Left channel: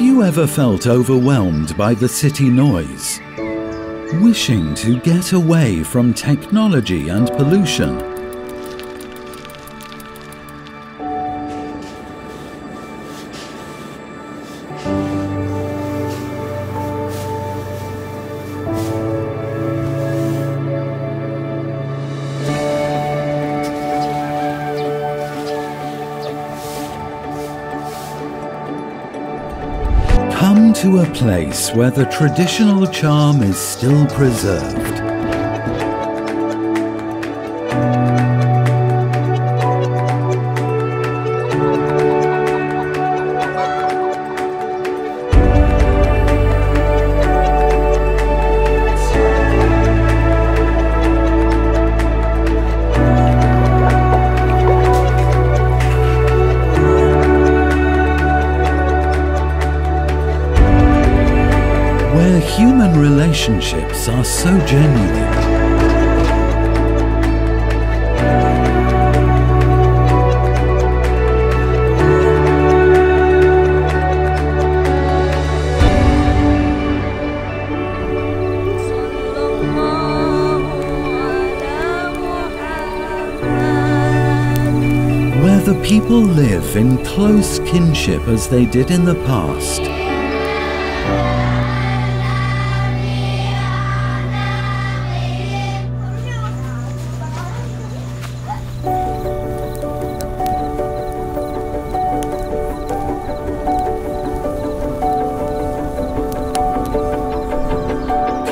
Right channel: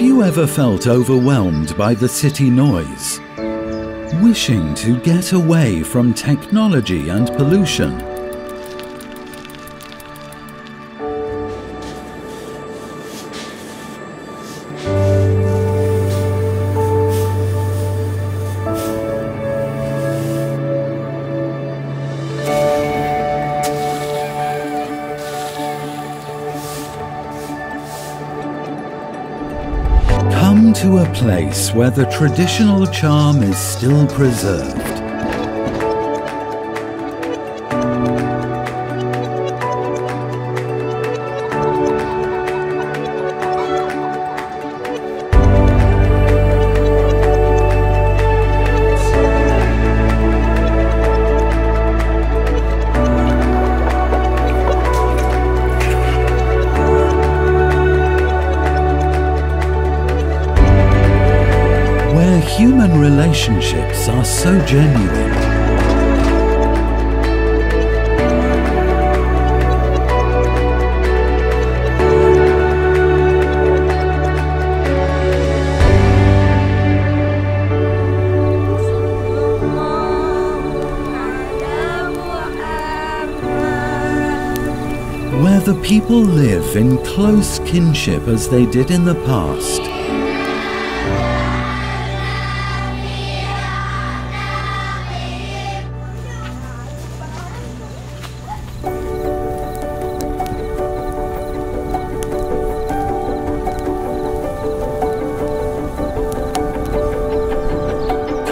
Have you ever felt overwhelmed by the city noise? Wishing to get away from technology and pollution? Come to a place where the traditional charm is still preserved. Human relationships are so genuine. Where the people live in close kinship as they did in the past.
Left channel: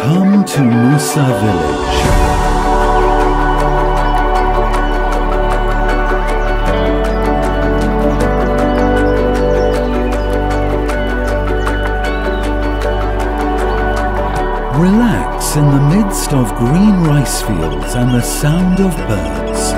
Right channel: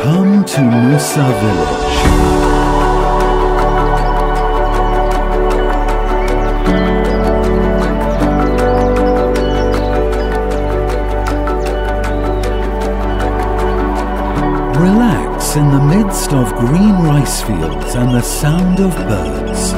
Come to Nusa village. Relax in the midst of green rice fields and the sound of birds.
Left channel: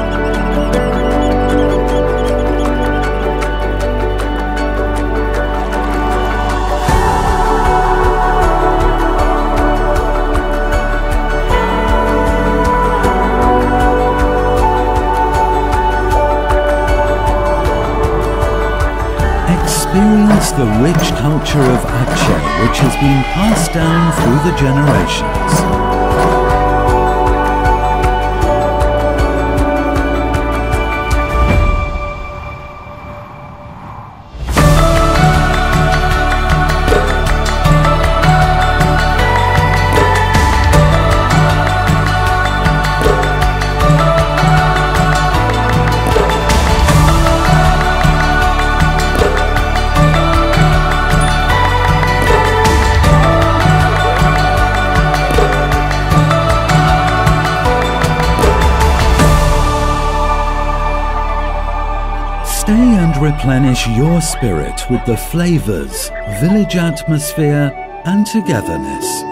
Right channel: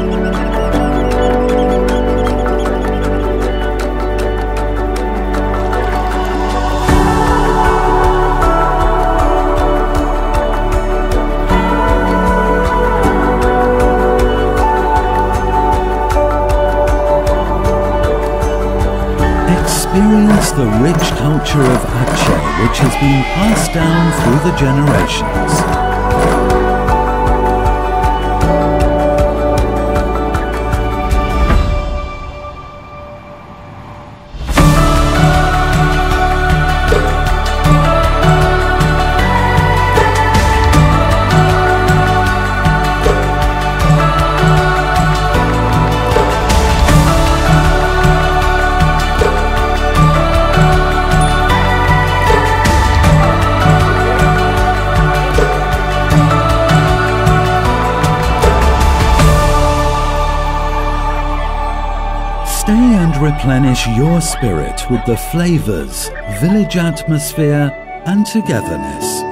Experience the rich culture of Aceh, which has been passed down through the generations. Stay and replenish your spirit with the flavors, village atmosphere, and togetherness.